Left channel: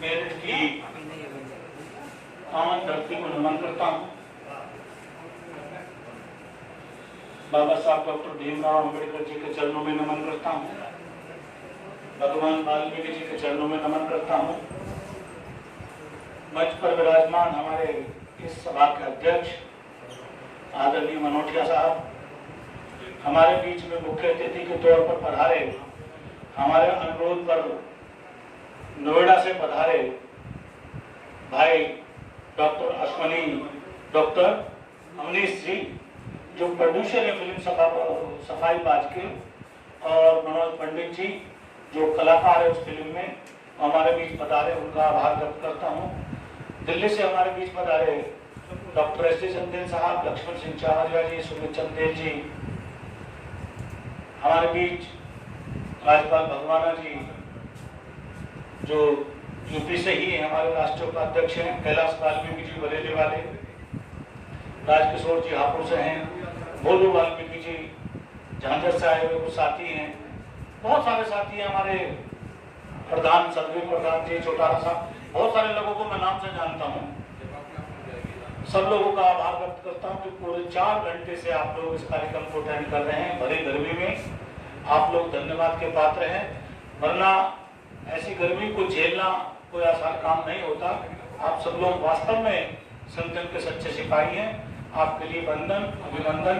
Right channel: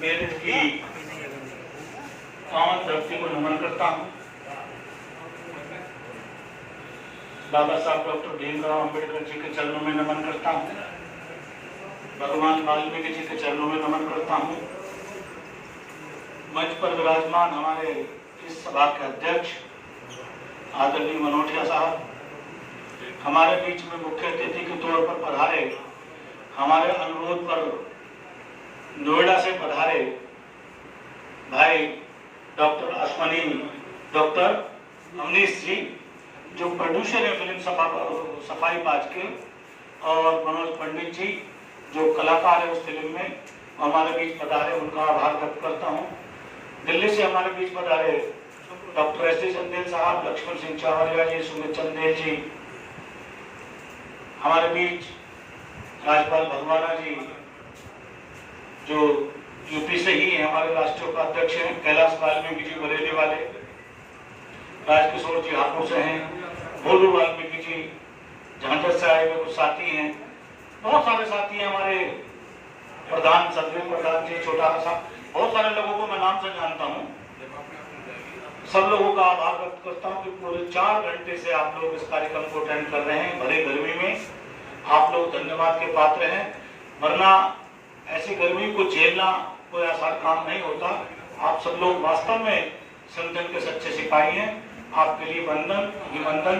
मेरे की पावन धरती को नमन करता हूँ। बाबा साहब डॉक्टर भीमराव अंबेडकर जी के चरणों में नमन करता हूँ। भगवान वाल्मीकि जी के चरणों में नमन करता हूँ। मंच पर विराजमान हमारे इस सभा के अध्यक्ष आदरणीय मनोटिया साहब, हमारे बीच में मुख्य अतिथि के तौर पर पधारे, हमारे अनुरोध पर नोएडा से पधारे भाई डॉक्टर अश्वनी, डॉक्टर अवनीश जी जो प्रोड्यूसर है फिल्म सफाई बाज के, और मनोज पंडित जी जो कलाकार है उस फिल्म में, हमारे बीच पधारे, उनका आभार व्यक्त करता हूँ। दिल्ली से हमारे बीच पधारे डॉक्टर एस डी चंदेल साहब, लक्ष्मण सिंह चावरिया जी, सुमित चंदेल जी, हमारे बीच राज्यपाल भगवाना जी जो यूपी से ही है, हमारे राष्ट्रीय उपाध्यक्ष हैं, कैलाश वाल्मीकि जी बरेली वाले, राजकिशोर जी हापुड़ से हैं, भोलू वाल्मीकि जी झांझर से आए हुए कुछ साथी हैं, बहुत सारे साथी हैं, हमारे प्रधान सदगुरु प्रधान जी, छोटा साहब, बहुत सारे लोगों को मैं नाम से जानता हूँ। सब लोगों का आभार व्यक्त करता हूँ कि पूरे 4 घंटे से आप लोग इस कार्यक्रम को अटेंड कर रहे हैं। भरे गर्मी में आप लोग धन्यवाद के पात्र हैं, वरना ऐसी गर्मी को झेलना कोई आसान काम नहीं होता। आप सब लोग वास्तव में संगठन के सच्चे सिपाही हैं। आपके लिए वंदन, अभिनंदन,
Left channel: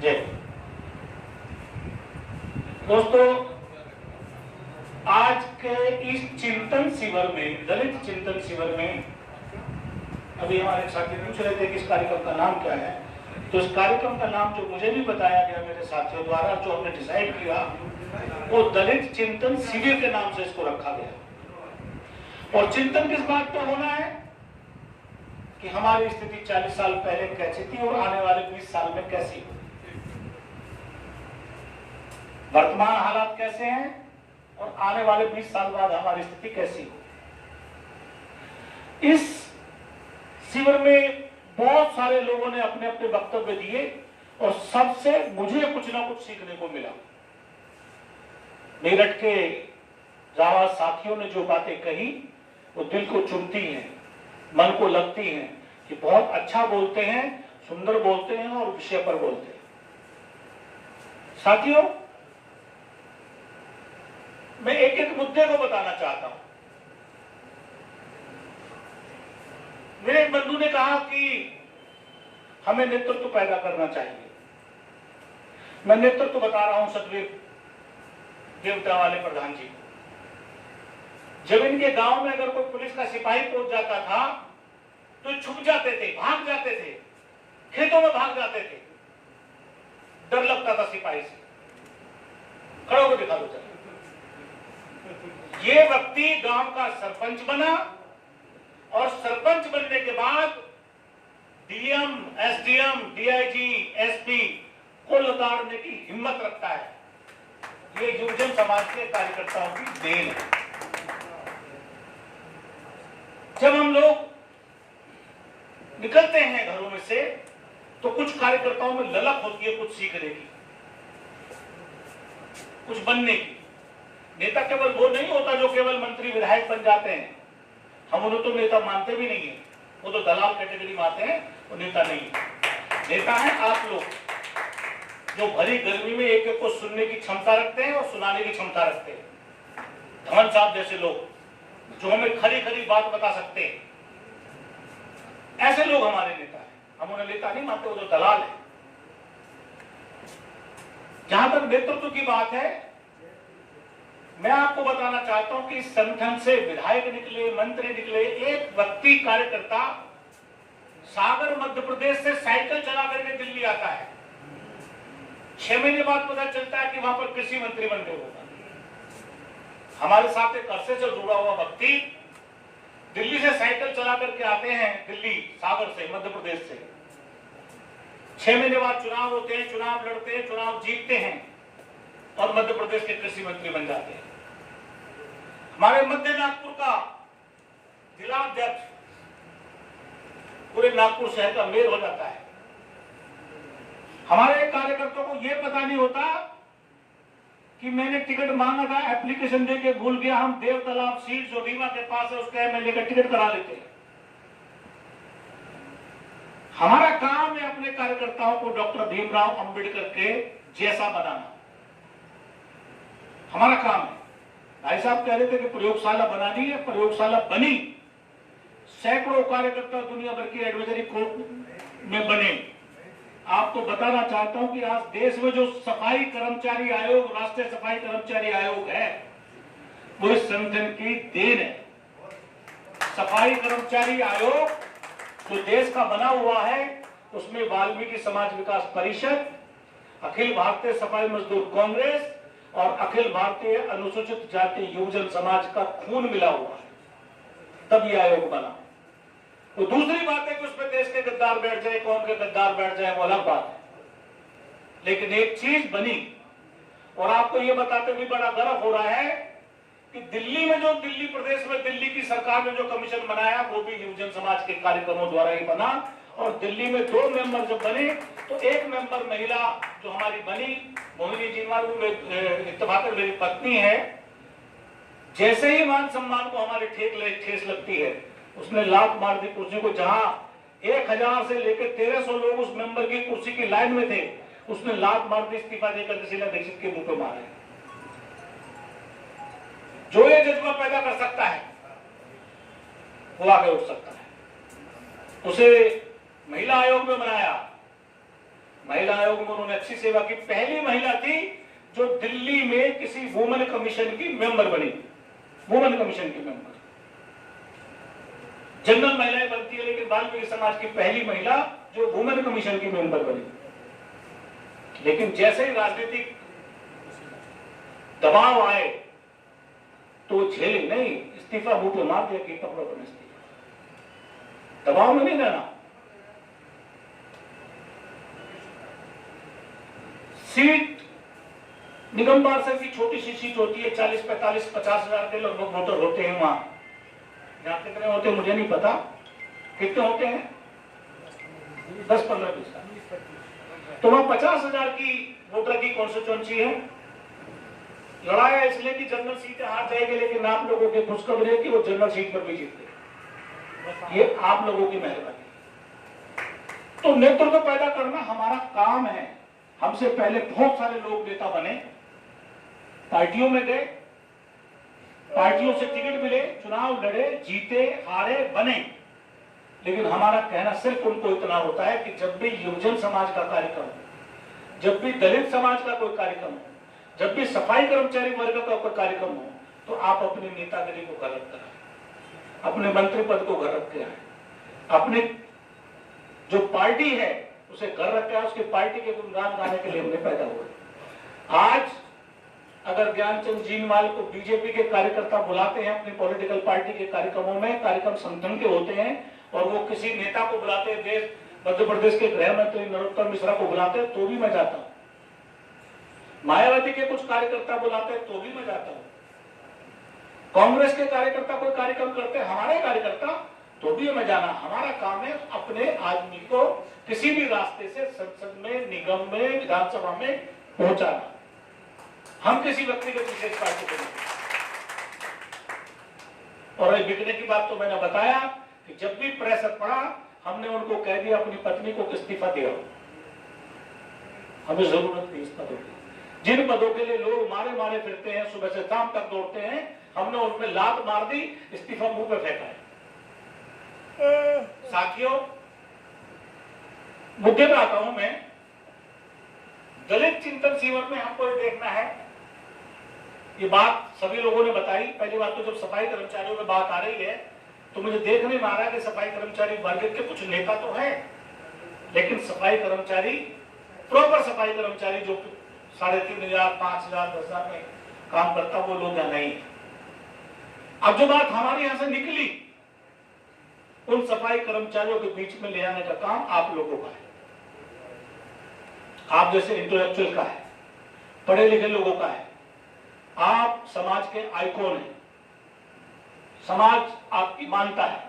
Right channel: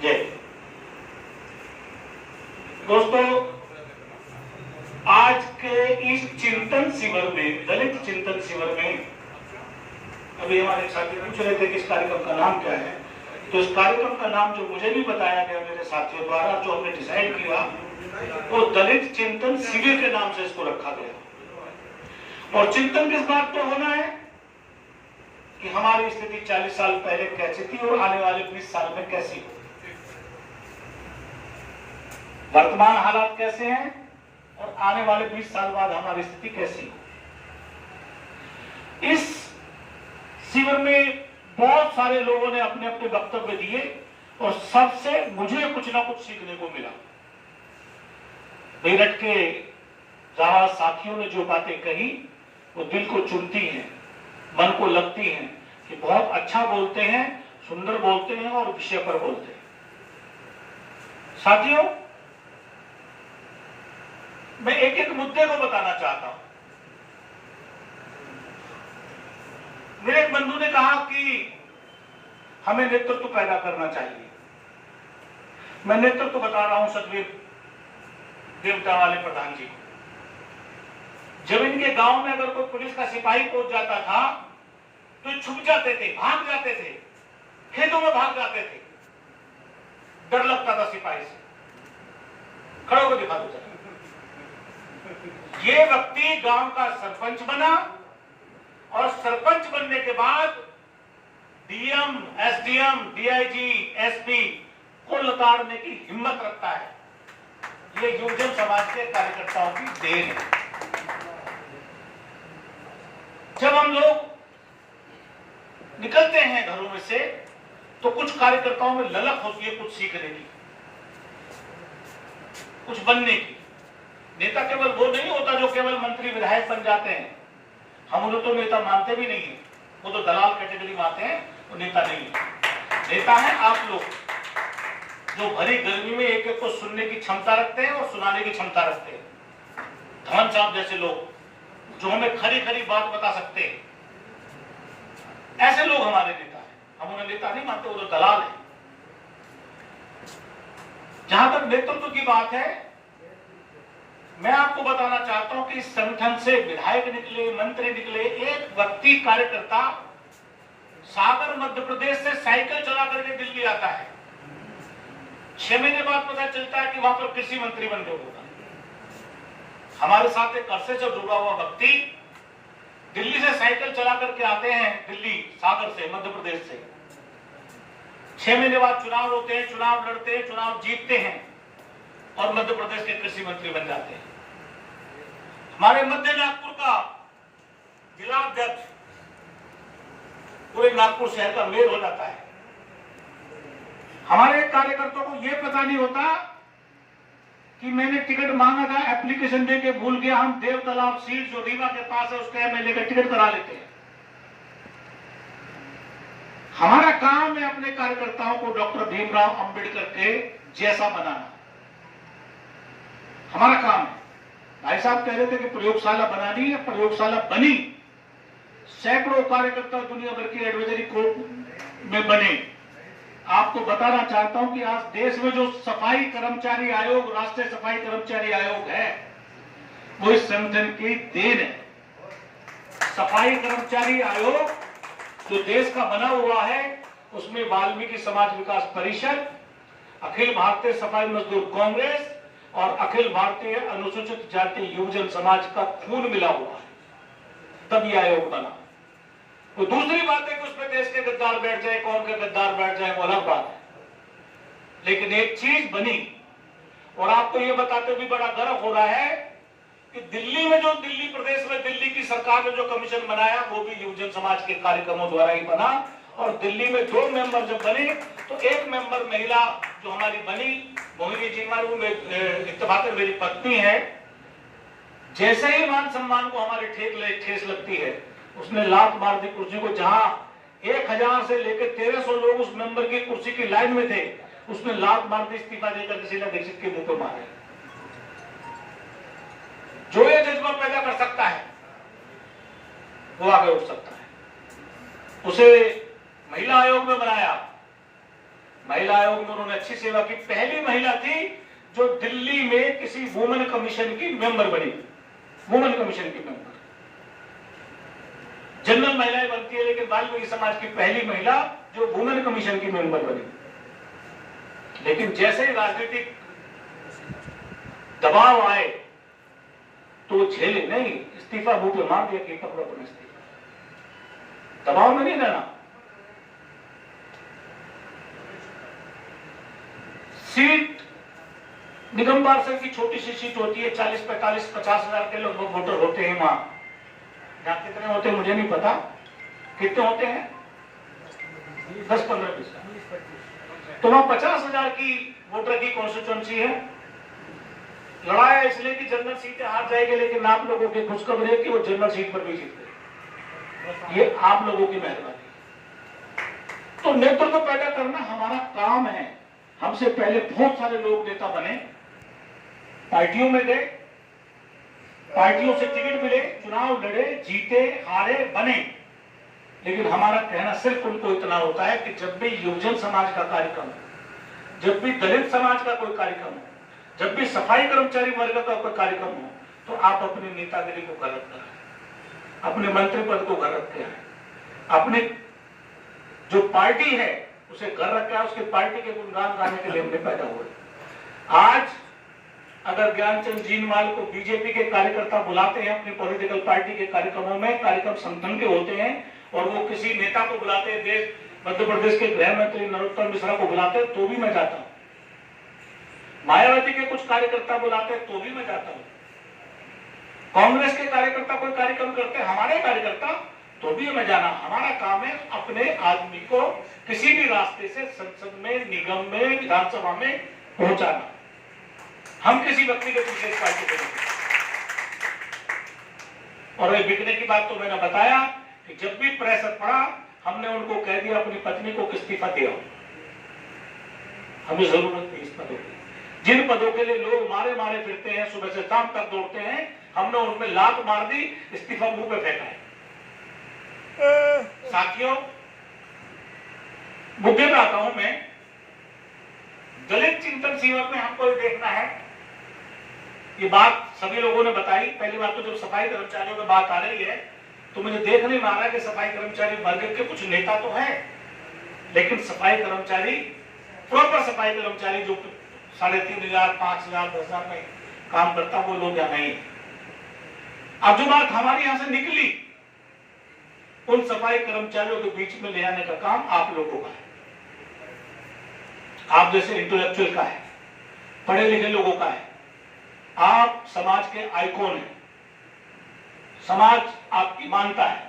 जय। दोस्तों, आज के इस चिंतन शिविर में, दलित चिंतन शिविर में, अभी हमारे साथी पूछ रहे थे कि इस कार्यक्रम का नाम क्या है, तो इस कार्यक्रम का नाम जो मुझे भी बताया गया मेरे साथियों द्वारा, जो हमने डिसाइड किया, वो दलित चिंतन शिविर के नाम से इसको रखा गया। और चिंतन किस बात पे होना है कि हमारी स्थिति 40 साल पहले कैसी थी और आने वाले 20 साल में कैसी हो, वर्तमान हालात कैसे हैं और आने वाले 20 साल बाद हमारी स्थिति कैसी हो। इस शिविर में बहुत सारे लोगों ने अपने अपने वक्तव्य दिए और सबसे मुझे कुछ ना कुछ सीखने को मिला। मेरठ के जाबाज साथियों ने जो बातें कही वो दिल को चुनती हैं, मन को लगती हैं कि बहुत अच्छा बोलते हैं, सुंदर बोलते हैं और विषय पर बोलते हैं। साथियों, मैं एक एक मुद्दे को बताना चाहता हूं। मेरे एक बंधु ने कहा कि हमें नेतृत्व पैदा करना चाहिए। मैं नेतृत्व बता रहा हूं सतवीर देवता वाले प्रधान जी को। जब इनके गांव में अगर कोई पुलिस का सिपाही पहुंच जाता था तो छुप जाते थे, भाग जाते थे, खेतों में भाग जाते थे, डर लगता था सिपाही से। खड़े होकर दिखा दो। ये व्यक्ति गांव का सरपंच बना और सरपंच बनने के बाद डीएम, एसडीएम, डीआईजी, एसपी को लताड़ने की हिम्मत रखता है। ये युवजन समाज के कार्यकर्ताओं की देन है। जब हम लोग निकलते हैं घरों में से तो कुछ कार्यकर्ताओं में ललक होती है कुछ सीखने की, कुछ बनने की। नेता केवल वो नहीं होता जो केवल मंत्री विधायक बन जाते हैं। हम उन्हें तो नेता मानते भी नहीं है, वो तो दलाल कैटेगरी में आते हैं, वो नेता नहीं है। नेता है आप लोग जो भरी गर्मी में एक एक को सुनने की क्षमता रखते हैं और सुनाने की क्षमता रखते हैं। धवन साहब जैसे लोग जो हमें खरी खरी बात बता सकते हैं, ऐसे लोग हमारे नेता हैं। हम उन्हें नेता नहीं मानते, वो तो दलाल है। जहां तक नेतृत्व की बात है, मैं आपको बताना चाहता हूं कि इस संगठन से विधायक निकले, मंत्री निकले, एक व्यक्ति कार्यकर्ता सागर मध्य प्रदेश से साइकिल चला करके दिल्ली आता है। 6 महीने बाद पता चलता है कि वहां पर कृषि मंत्री बन गए होगा। हमारे साथ एक अरसे से जुड़ा हुआ व्यक्ति दिल्ली से साइकिल चला करके आते हैं, दिल्ली सागर से, मध्य प्रदेश से। 6 महीने बाद चुनाव होते हैं, चुनाव लड़ते हैं, चुनाव जीतते हैं और मध्य प्रदेश के कृषि मंत्री बन जाते हैं। हमारे मध्य नागपुर का जिला अध्यक्ष पूरे नागपुर शहर का मेयर हो जाता है। हमारे कार्यकर्ताओं को यह पता नहीं होता कि मैंने टिकट मांगा था, एप्लीकेशन दे के भूल गया, हम देव तालाब सीट जो रीवा के पास है उसके एमएलए का टिकट करा लेते हैं। हमारा काम है अपने कार्यकर्ताओं को डॉक्टर भीमराव अंबेडकर के जैसा बनाना, हमारा काम है। भाई साहब कह रहे थे कि प्रयोगशाला बनानी है, प्रयोगशाला बनी, सैकड़ों कार्यकर्ता दुनिया भर की एडवाइजरी कोर्ट में बने। आपको बताना चाहता हूं कि आज देश में जो सफाई कर्मचारी आयोग, राष्ट्रीय सफाई कर्मचारी आयोग है, वो इस संगठन की देन है। सफाई कर्मचारी आयोग जो देश का बना हुआ है, उसमें वाल्मीकि समाज विकास परिषद, अखिल भारतीय सफाई मजदूर कांग्रेस और अखिल भारतीय अनुसूचित जाति युवजन समाज का खून मिला हुआ है, तब यह आयोग बना। वो दूसरी बात है कि उसमें देश के गद्दार बैठ जाए, कौम के गद्दार बैठ जाए, वो अलग बात है। लेकिन एक चीज बनी, और आपको ये बताते हुए बड़ा गर्व हो रहा है कि दिल्ली में जो दिल्ली प्रदेश में दिल्ली की सरकार ने जो कमीशन बनाया, वो भी युवजन समाज के कार्यक्रमों द्वारा ही बना। और दिल्ली में 2 मेंबर जब बने तो एक मेंबर महिला जो हमारी बनी, मोहिनी जीनवाल, वो इत्तेफाक मेरी पत्नी है। जैसे ही मान सम्मान को हमारी ठेस लगती है, उसने लात मार दी कुर्सी को। जहां 1000 से लेकर 1300 लोग उस मेंबर की कुर्सी की लाइन में थे, उसने लात मार दी, इस्तीफा देकर शीला दीक्षित के मुंह पे मारे। जो ये जज्बा पैदा कर सकता है वो आगे उठ सकता है। उसे महिला आयोग में बनाया, महिला आयोग में उन्होंने अच्छी सेवा की। पहली महिला थी जो दिल्ली में किसी वुमेन कमीशन की मेंबर बनी, वुमेन कमीशन की मेंबर। जनरल महिलाएं बनती है, लेकिन वाल्मीकि समाज की पहली महिला जो वुमेन कमीशन की मेंबर बनी। लेकिन जैसे ही राजनीतिक दबाव आए तो झेले नहीं, इस्तीफा मुंह पे मार दिया कि पकड़ो तुम इस्तीफा। दबाव में नहीं रहना। सीट निगम पार्षद की छोटी सी सीट होती है, 40, 45, 50 हजार के लगभग वोटर होते हैं वहां। यहाँ कितने होते हैं मुझे नहीं पता, कितने होते हैं, 10, 15, 20। तो वहां 50,000 की वोटर की कॉन्स्टिट्यूएंसी है। लड़ाया इसलिए कि जनरल सीटें हार जाएगी, लेकिन आप लोगों की खुशखबरी है कि वो जनरल सीट पर भी जीत गए। ये आप लोगों की मेहरबानी। तो नेतृत्व पैदा करना हमारा काम है। हमसे पहले बहुत सारे लोग नेता बने, पार्टियों में गए, पार्टियों से टिकट मिले, चुनाव लड़े, जीते, हारे, बने। लेकिन हमारा कहना सिर्फ उनको इतना होता है कि जब भी युवजन समाज का कार्यक्रम हो, जब भी दलित समाज का कोई कार्यक्रम हो, जब भी सफाई कर्मचारी वर्ग का कोई कार्यक्रम हो, तो आप अपनी नेतागिरी को गलत कराएं, अपने मंत्री पद को गलत कराएं, अपने जो पार्टी है उसे घर रखा है, उसके पार्टी के गुणगान गाने के लिए हमने पैदा हुए। आज अगर ज्ञानचंद जीनवाल को बीजेपी के कार्यकर्ता बुलाते हैं अपनी पॉलिटिकल पार्टी के कार्यक्रमों में, कार्यक्रम संगठन के होते हैं, और वो किसी नेता को बुलाते हैं, देश मध्य प्रदेश के गृह मंत्री नरोत्तम मिश्रा को बुलाते हैं तो भी मैं जाता हूं, मायावती के कुछ कार्यकर्ता बुलाते हैं तो भी मैं जाता हूं, कांग्रेस के कार्यकर्ता कोई कार्यक्रम करते हैं, हमारे कार्यकर्ता, तो भी हमें जाना। हमारा काम है अपने आदमी को किसी भी रास्ते से संसद में, निगम में, विधानसभा में पहुंचाना। हम किसी व्यक्ति के पीछे इस पार्टी को नहीं। और बिकने की बात तो मैंने बताया कि जब भी प्रेशर पड़ा, हमने उनको कह दिया अपनी पत्नी को इस्तीफा दिया, हमें जरूरत थी इस पदों की। जिन पदों के लिए लोग मारे मारे फिरते हैं, सुबह से शाम तक दौड़ते हैं, हमने उनमें लात मार दी, इस्तीफा मुंह पे फेंका है। साथियों, मुद्दे पे आता हूं मैं। दलित चिंतन शिविर में हमको देखना है, ये बात सभी लोगों ने बताई। पहली बात तो जब सफाई कर्मचारियों की बात आ रही है तो मुझे देख नहीं आ रहा कि सफाई कर्मचारी वर्ग के कुछ नेता तो है, लेकिन सफाई कर्मचारी, प्रॉपर सफाई कर्मचारी जो 3,500, 5,000, 10,000 में काम करता, वो लोग यहाँ नहीं है। अब जो बात हमारे यहां से निकली, उन सफाई कर्मचारियों के बीच में ले आने का काम आप लोगों का है, आप जैसे इंटेलेक्चुअल का है, पढ़े लिखे लोगों का है। आप समाज के आइकॉन हैं, समाज आपकी मानता है।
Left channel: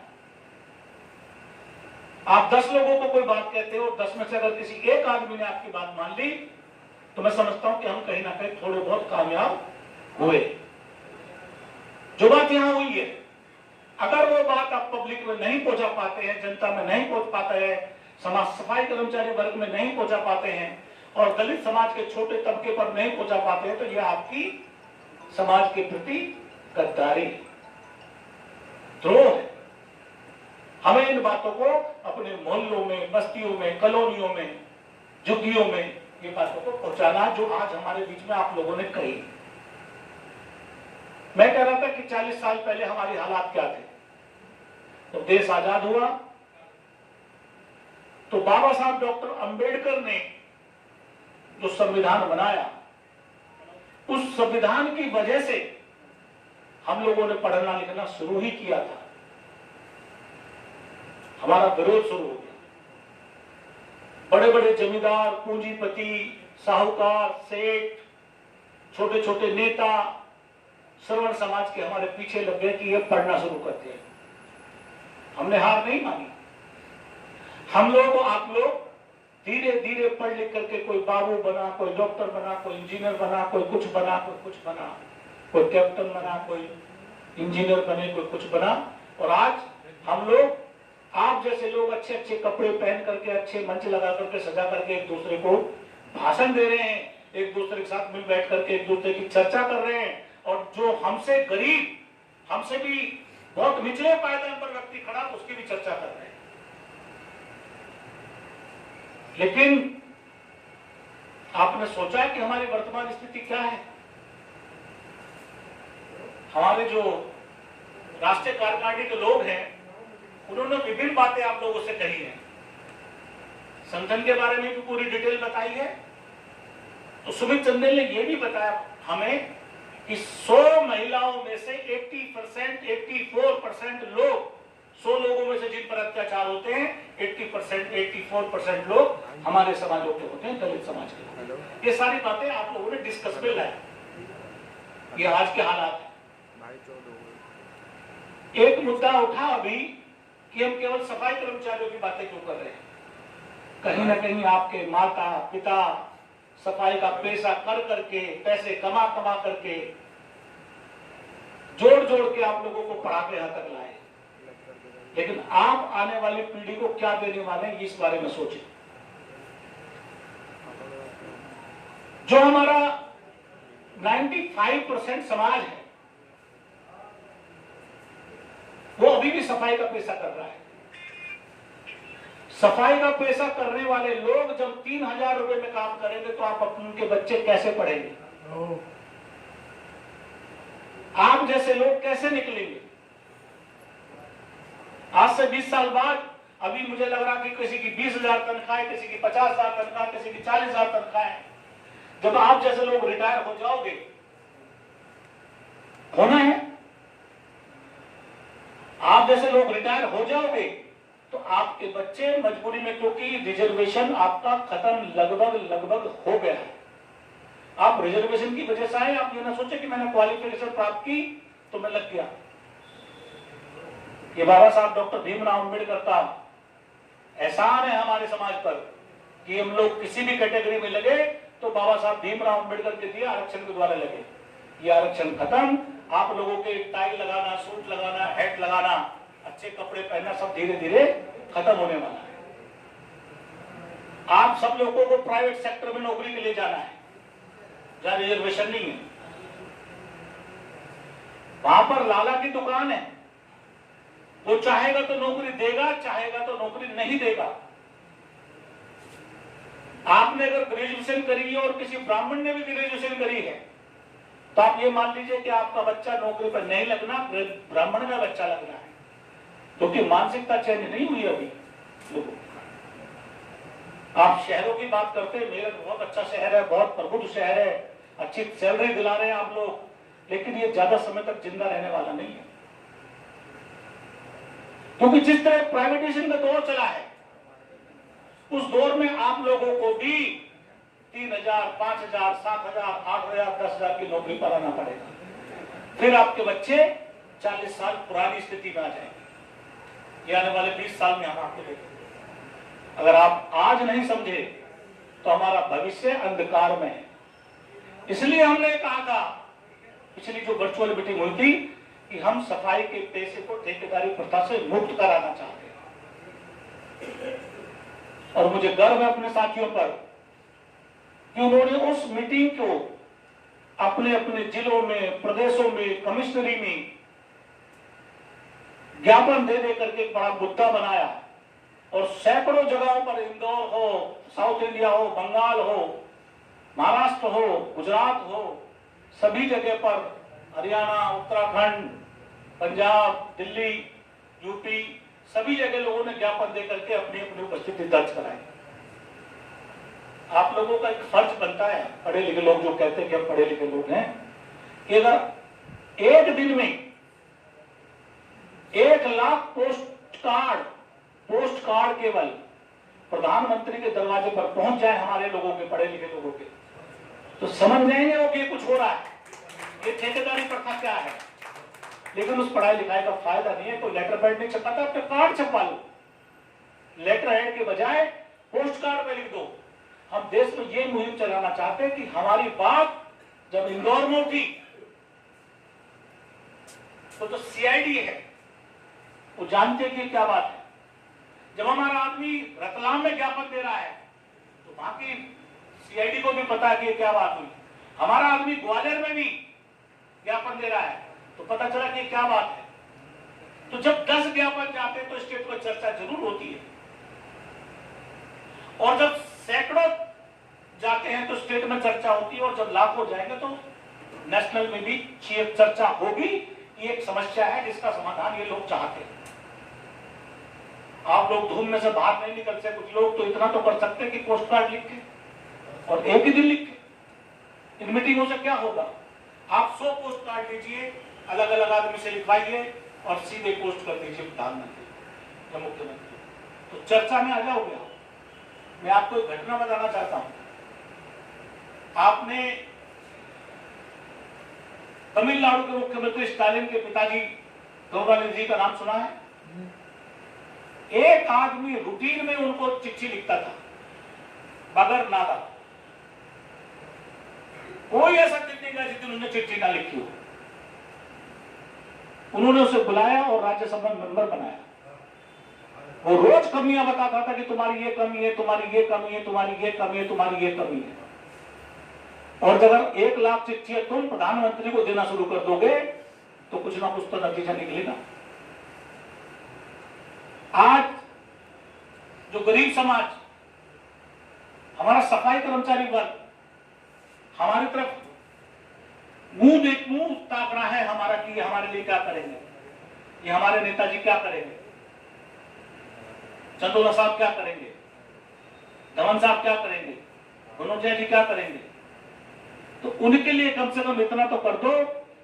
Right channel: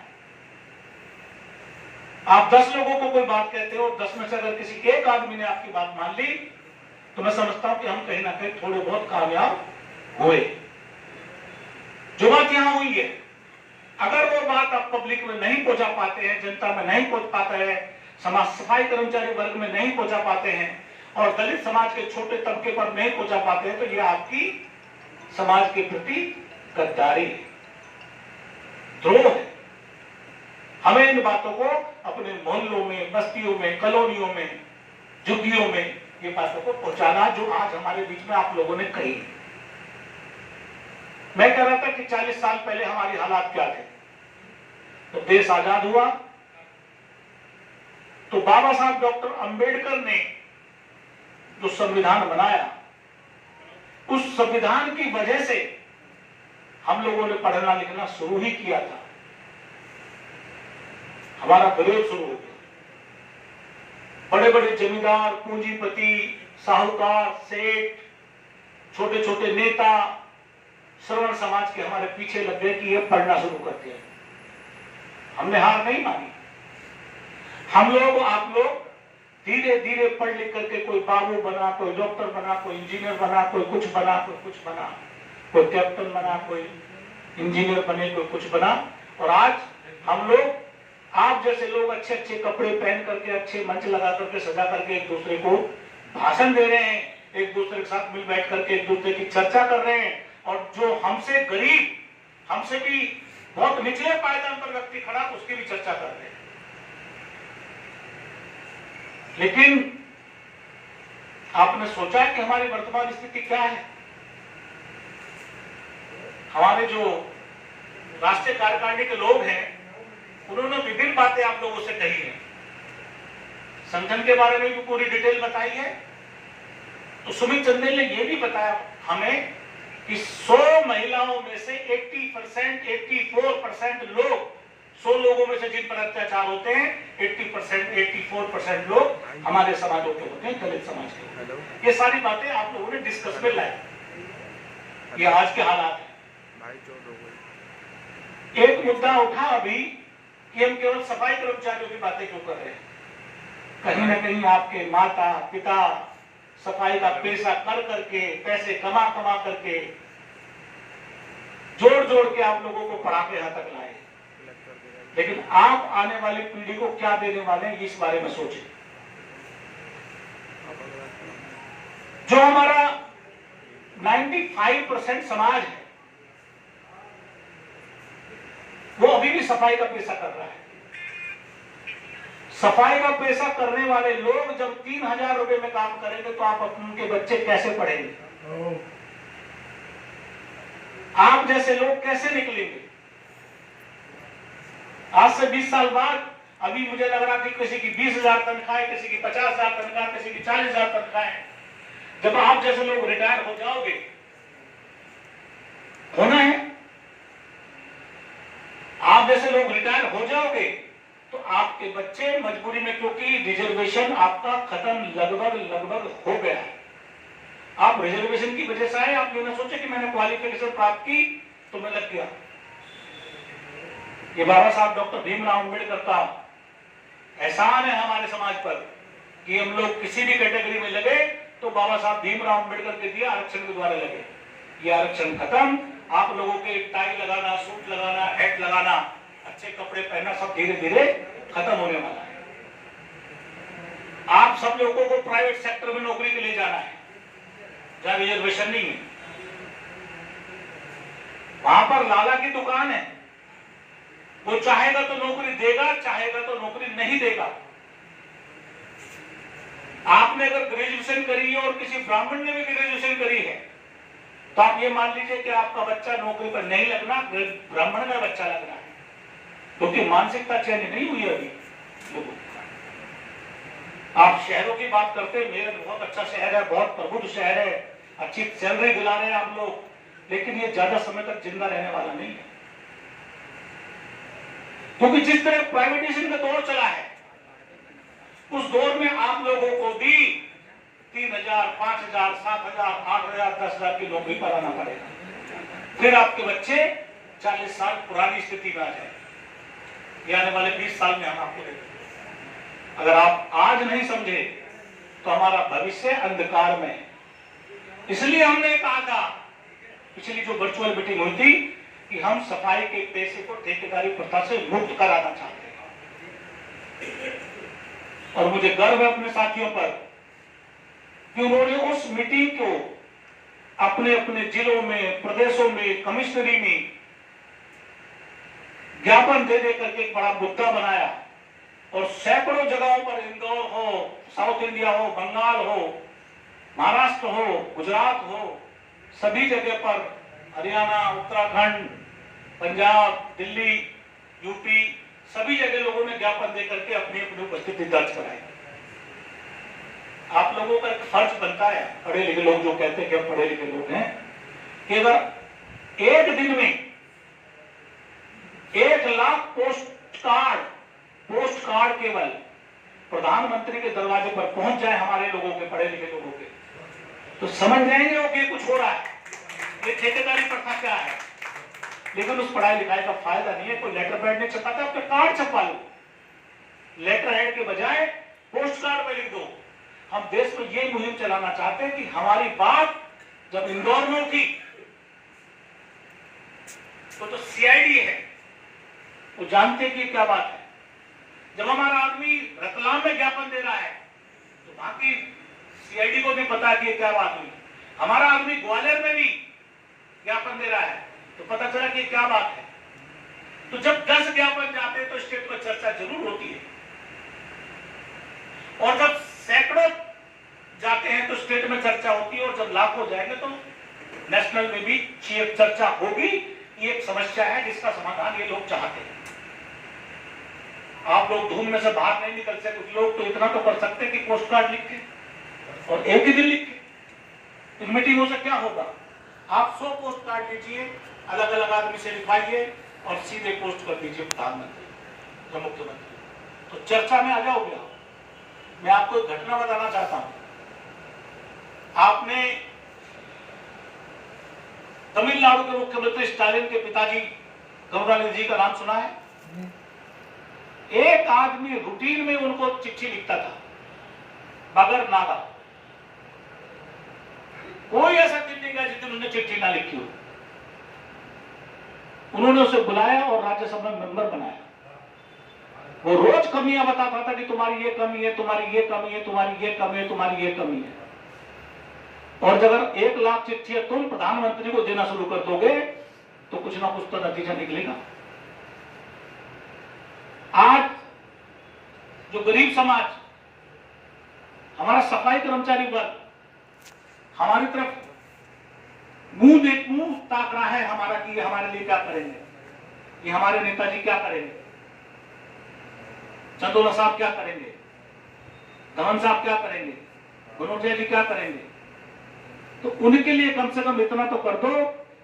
आप 10 लोगों को कोई बात कहते हो, 10 में से अगर किसी एक आदमी ने आपकी बात मान ली तो मैं समझता हूं कि हम कहीं ना कहीं थोड़े बहुत कामयाब हुए। जो बात यहां हुई है, अगर वो बात आप पब्लिक में नहीं पहुंचा पाते हैं, जनता में नहीं पहुंच पाते हैं, समाज सफाई कर्मचारी वर्ग में नहीं पहुंचा पाते हैं और दलित समाज के छोटे तबके पर नहीं पहुंचा पाते हैं, तो यह आपकी समाज के प्रति गद्दारी है, द्रोह है। हमें इन बातों को अपने मोहल्लों में, बस्तियों में, कॉलोनियों में, झुग्गियों में ये बातों को पहुंचाना जो आज हमारे बीच में आप लोगों ने कही। मैं कह रहा था कि 40 साल पहले हमारी हालात क्या थे। तो देश आजाद हुआ तो बाबा साहब डॉक्टर अंबेडकर ने जो संविधान बनाया, उस संविधान की वजह से हम लोगों ने पढ़ना लिखना शुरू ही किया था। हमारा विरोध शुरू हो गया। बड़े बड़े जमींदार, पूंजीपति, साहूकार, सेठ, छोटे छोटे नेता श्रवण समाज के हमारे पीछे लग गए कि ये पढ़ना शुरू करते हैं। हमने हार नहीं मानी। हम लोग, आप लोग धीरे धीरे पढ़ लिख करके कोई बाबू बना, कोई डॉक्टर बना, कोई इंजीनियर बना, कोई कुछ बना, कोई कुछ बना, कोई कैप्टन बना, कोई इंजीनियर बने, कोई कुछ बना। और आज हम लोग, आप जैसे लोग अच्छे अच्छे कपड़े पहन करके, अच्छे मंच लगा करके, सजा करके एक दूसरे को भाषण दे रहे हैं, एक दूसरे के साथ मिल बैठ करके एक दूसरे की चर्चा कर रहे हैं। और जो हमसे गरीब, हमसे भी बहुत निचले पायदान पर व्यक्ति खड़ा, उसकी भी चर्चा कर रहे हैं। लेकिन आपने सोचा है कि हमारी वर्तमान स्थिति क्या है? हमारे जो राष्ट्रीय कार्यकारिणी के लोग हैं, उन्होंने विभिन्न बातें आप लोगों से कही है। संगठन के बारे में भी पूरी डिटेल बताई है। तो सुमित चंदेल ने यह भी बताया हमें कि 100 महिलाओं में से 80%, 84% लोग, 100 लोगों में से जिन पर अत्याचार होते हैं, 80%, 84% लोग हमारे समाजों के होते हैं, दलित समाज के। ये सारी बातें आप लोगों ने डिस्कस में लाई। ये आज के हालात है। एक मुद्दा उठा अभी कि हम केवल सफाई कर्मचारियों की बातें क्यों कर रहे हैं। कहीं ना कहीं आपके माता पिता सफाई का पेशा कर करके, पैसे कमा कमा करके, जोड़ जोड़ के आप लोगों को पढ़ा के यहां तक लाए। लेकिन आप आने वाली पीढ़ी को क्या देने वाले हैं, इस बारे में सोचें। जो हमारा 95% समाज है, वो अभी भी सफाई का पेशा कर रहा है। सफाई का पेशा करने वाले लोग जब 3000 रुपए में काम करेंगे तो आप उनके बच्चे कैसे पढ़ेंगे? आप जैसे लोग कैसे निकलेंगे? आज से 20 साल बाद अभी मुझे लग रहा कि किसी की 20,000 तनख्वाह, किसी की 50,000 तनख्वाह, किसी की 40,000 तनख्वाह। जब आप जैसे लोग रिटायर हो जाओगे, होना है, आप जैसे लोग रिटायर हो जाओगे तो आपके बच्चे मजबूरी में, क्योंकि रिजर्वेशन आपका खत्म लगभग हो गया है। आप रिजर्वेशन की वजह से आए, आप ये ना सोचे कि मैंने क्वालिफिकेशन प्राप्त की तो मैं लग गया। ये बाबा साहब डॉक्टर भीमराव अम्बेडकर का एहसान है हमारे समाज पर कि हम लोग किसी भी कैटेगरी में लगे तो बाबा साहब भीमराव अम्बेडकर के दिए आरक्षण के द्वारा लगे। ये आरक्षण खत्म। आप लोगों के टाई लगाना, सूट लगाना, हैट लगाना, अच्छे कपड़े पहनना सब धीरे धीरे खत्म होने वाला है। आप सब लोगों को प्राइवेट सेक्टर में नौकरी के लिए जाना है जहां रिजर्वेशन नहीं है। वहां पर लाला की दुकान है, वो चाहेगा तो नौकरी देगा, चाहेगा तो नौकरी नहीं देगा। आपने अगर ग्रेजुएशन करी है और किसी ब्राह्मण ने भी ग्रेजुएशन करी है तो आप ये मान लीजिए कि आपका बच्चा नौकरी पर नहीं लगना, ब्राह्मण में बच्चा लगना है, क्योंकि मानसिकता चेंज नहीं हुई अभी लोगों की। आप शहरों की बात करते हैं, मेरठ बहुत अच्छा शहर है, बहुत प्रबुद्ध शहर है, अच्छी सैलरी दिला रहे हैं आप लोग, लेकिन ये ज्यादा समय तक जिंदा रहने वाला नहीं है। क्योंकि जिस तरह प्राइवेटाइजेशन का दौर चला है, उस दौर में आप लोगों को भी 3,000, 5,000, 7,000, 8,000, 10,000 की नौकरी पर आना पड़ेगा। फिर आपके बच्चे 40 साल पुरानी स्थिति में आ जाए। ये आने वाले 20 साल में हम आपको देखेंगे। अगर आप आज नहीं समझे तो हमारा भविष्य अंधकार में है। इसलिए हमने कहा था पिछली जो वर्चुअल मीटिंग हुई थी कि हम सफाई के पैसे को ठेकेदारी प्रथा से मुक्त कराना चाहते हैं। और मुझे गर्व है अपने साथियों पर कि उन्होंने उस मीटिंग को अपने अपने जिलों में, प्रदेशों में, कमिश्नरी में ज्ञापन दे दे करके एक बड़ा मुद्दा बनाया और सैकड़ों जगहों पर, इंदौर हो, साउथ इंडिया हो, बंगाल हो, महाराष्ट्र हो, गुजरात हो, सभी जगह पर, हरियाणा, उत्तराखंड, पंजाब, दिल्ली, यूपी, सभी जगह लोगों ने ज्ञापन दे करके अपनी अपनी उपस्थिति दर्ज कराई। आप लोगों का एक फर्ज बनता है, पढ़े लिखे लोग जो कहते हैं कि हम पढ़े लिखे लोग हैं, कि अगर एक दिन में 1 लाख पोस्ट कार्ड केवल प्रधानमंत्री के दरवाजे पर पहुंच जाए हमारे लोगों के, पढ़े लिखे लोगों के, तो समझ जाएंगे वो कि कुछ हो रहा है, ये ठेकेदारी प्रथा क्या है। लेकिन उस पढ़ाई लिखाई का फायदा नहीं है। कोई लेटर पैड नहीं छपाता, अपने कार्ड छपवा लो। लेटर हेड के बजाय पोस्ट कार्ड पे लिख दो। हम देश में ये मुहिम चलाना चाहते हैं कि हमारी बात जब इंदौर में उठी तो जो सीआईडी है वो जानते हैं कि क्या बात है। जब हमारा आदमी रतलाम में ज्ञापन दे रहा है तो बाकी सीआईडी को भी पता है कि क्या बात हुई। हमारा आदमी ग्वालियर में भी ज्ञापन दे रहा है तो पता चला कि क्या बात है। तो जब 10 ज्ञापन जाते हैं तो स्टेट में चर्चा जरूर होती है, और जब सैकड़ों जाते हैं तो स्टेट में चर्चा होती है, और जब लाखों जाएंगे तो नेशनल में भी चर्चा होगी। ये एक समस्या है जिसका समाधान ये लोग चाहते हैं। आप लोग धूम में से बाहर नहीं निकल सकते। कुछ लोग तो इतना तो कर सकते हैं कि पोस्ट कार्ड लिख के और एक ही दिन लिख के। इन मीटिंगों से क्या होगा? आप 100 पोस्ट कार्ड लीजिए, अलग अलग आदमी से लिखवाइए और सीधे पोस्ट कर दीजिए प्रधानमंत्री या मुख्यमंत्री, तो चर्चा में आ जाओगे आप। मैं आपको एक घटना बताना चाहता हूं। आपने तमिलनाडु के मुख्यमंत्री स्टालिन के पिताजी करुणानिधि जी का नाम सुना है? एक आदमी रूटीन में उनको चिट्ठी लिखता था बगैर नागा। कोई ऐसा दिन नहीं गया जिस दिन उन्होंने चिट्ठी ना लिखी हो। उन्होंने उसे बुलाया और राज्यसभा में मेंबर बनाया। वो रोज कमियां बताता था कि तुम्हारी ये कमी है, तुम्हारी ये कमी है, तुम्हारी ये कमी है, तुम्हारी ये कमी है। और जब 1 लाख चिट्ठियां तुम प्रधानमंत्री को देना शुरू कर दोगे तो कुछ ना कुछ तो नतीजा निकलेगा। आज जो गरीब समाज, हमारा सफाई कर्मचारी वर्ग हमारी तरफ मुंह ताक रहा है हमारा कि ये हमारे लिए क्या करेंगे, ये हमारे नेताजी क्या करेंगे, चंदोला साहब क्या करेंगे, धवन साहब क्या करेंगे, बनोटिया जी क्या करेंगे। तो उनके लिए कम से कम इतना तो कर दो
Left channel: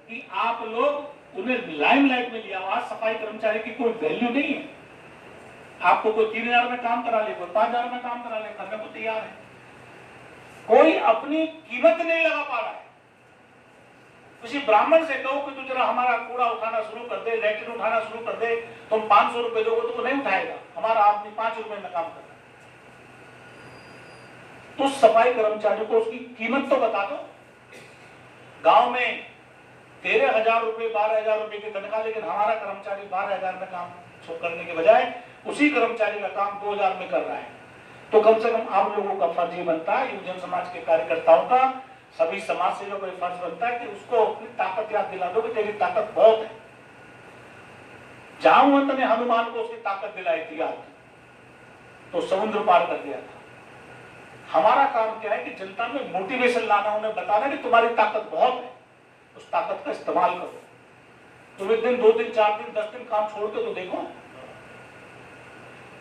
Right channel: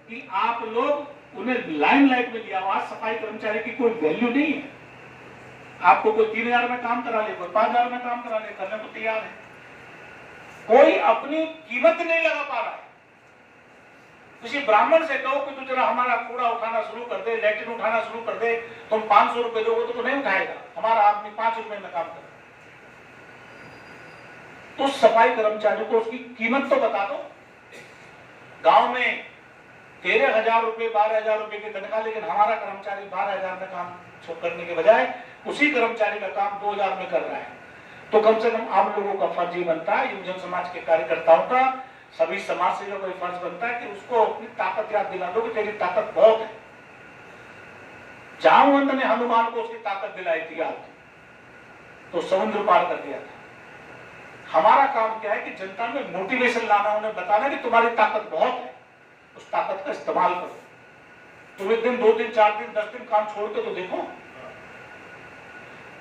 कि आप लोग उन्हें लाइमलाइट में लिया। आज सफाई कर्मचारी की कोई वैल्यू नहीं है। आपको कोई 3000 में काम करा ले, कोई 5000 में काम करा ले, करने को तैयार है। कोई अपनी कीमत नहीं लगा पा रहा है। किसी ब्राह्मण से कहो कि तू जरा हमारा कूड़ा उठाना शुरू कर दे, लैट्रिन उठाना शुरू कर दे, तुम 500 रुपए दोगे तो नहीं उठाएगा। हमारा आदमी 5 रुपए में काम कर रहा है। तो सफाई कर्मचारियों को उसकी कीमत तो बता दो। गांव में 13,000 रुपए, 12,000 रुपए की तनख्वाह, लेकिन हमारा कर्मचारी 12,000 में काम करने के बजाय उसी कर्मचारी का काम 2,000 में कर रहा है। तो कम से कम आप लोगों का फर्ज ये बनता है, युवजन समाज के कार्यकर्ताओं का, सभी समाज सेवकों का फर्ज बनता है कि उसको अपनी ताकत याद दिला दो कि तेरी ताकत बहुत है। जामवंत ने हनुमान को उसकी ताकत दिलाई थी याद, तो समुद्र पार कर दिया था। हमारा काम क्या है कि जनता में मोटिवेशन लाना, उन्हें बताना कि तुम्हारी ताकत बहुत है, उस ताकत का इस्तेमाल करो। तुम 1 दिन, 2 दिन, 4 दिन, 10 दिन काम छोड़ के तो देखो।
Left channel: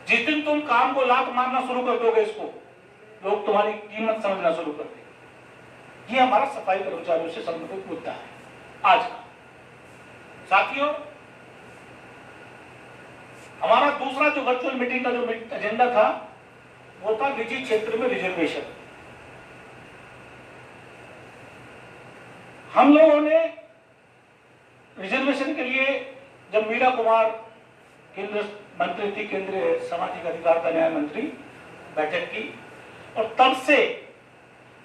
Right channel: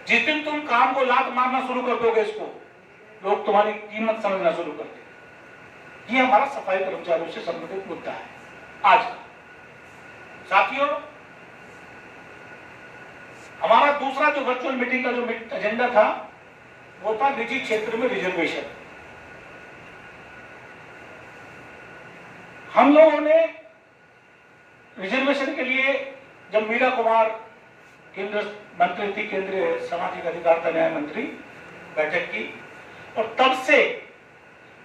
जिस दिन तुम काम को लात मारना शुरू कर दोगे, इसको लोग तुम्हारी कीमत समझना शुरू कर देंगे। ये हमारा सफाई कर्मचारियों से संबंधित मुद्दा है आज का। साथियों, हमारा दूसरा जो वर्चुअल मीटिंग का जो एजेंडा था वो था निजी क्षेत्र में रिजर्वेशन। हम लोगों ने रिजर्वेशन के लिए जब मीरा कुमार केंद्र मंत्री थी, केंद्रीय सामाजिक अधिकारिता न्याय मंत्री, बैठक की, और तब से